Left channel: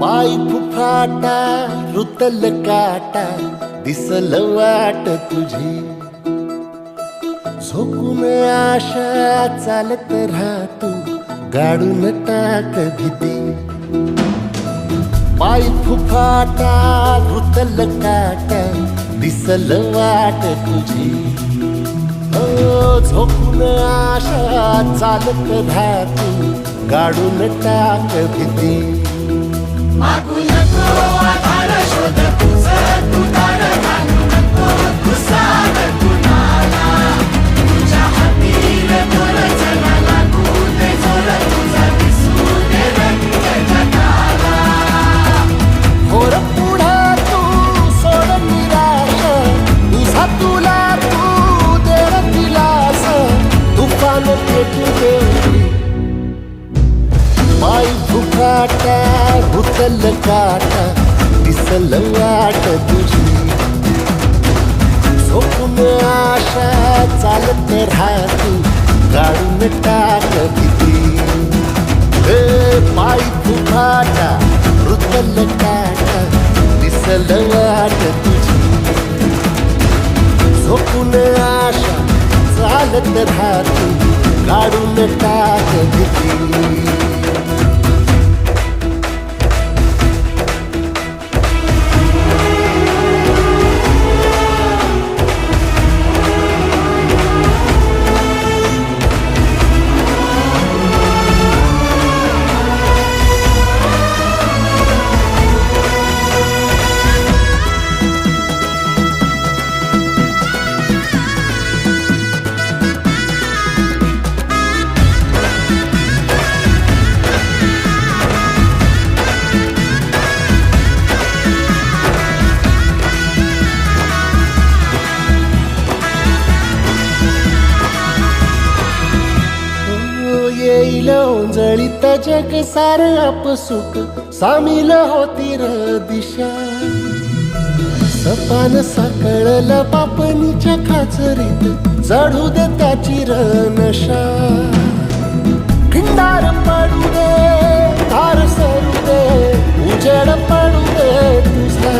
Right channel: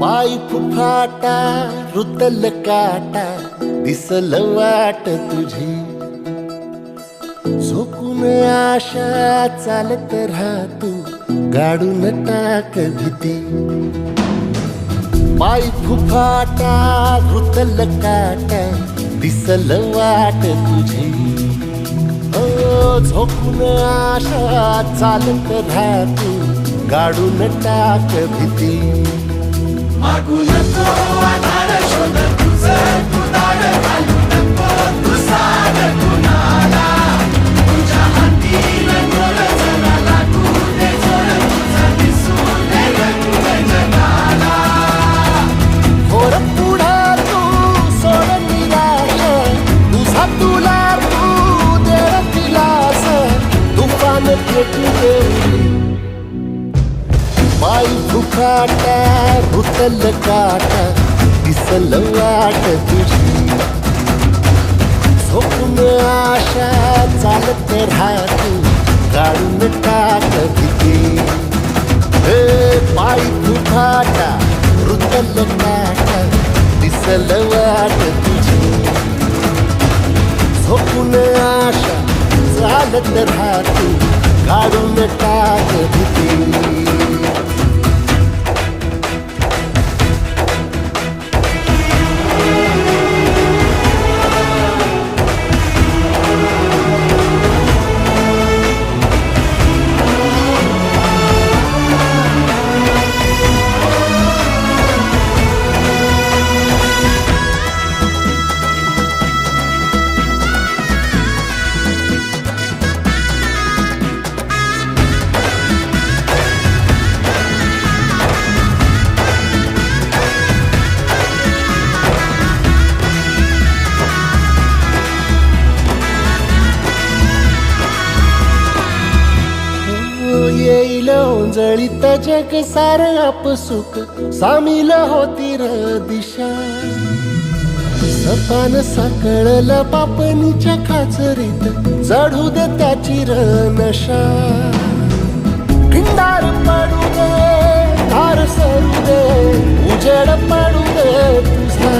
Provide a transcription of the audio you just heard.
पाय फुफाटा रुतल काटा दिसल वाट तुझी, झोकून आशा चालत राहतू गाडून टाक भीती. पाय फुफाटा रुतल काटा दिसल वाट तुझी, हो झोकून आशा चालत राहतू गाडून टाक भीती. मागू नको आधार शोध तुझं तू दाड घालू नको तू साध कुणाला. तुझ्या हातीन दोर जरा लागू दे जोर तुझा दिसू दे रंग जगाला. होर पुढे तू सोड निराश, तुझा तुला तू दे दिलास, तुफान पेटू देवरी. पाय फुफाटा रुतल काटा दिसल वाट तुझी, झोपून आशा चालत राहतू गाडून टाक भीती. हे पाय फुफाटा रुतल काटा दिसल वाट तुझी, झोपून आशा चालत राहतू गाडून टाक भीती. येईल ओंजळीत जग सार आपसुक, सामील होती र दिशा. सपान साकळल पापणीच्या खाचरीत, चढू दे त्याची र नशा. खिंडार पडू दे धार सरू दे, उजेड पडू दे तुझा.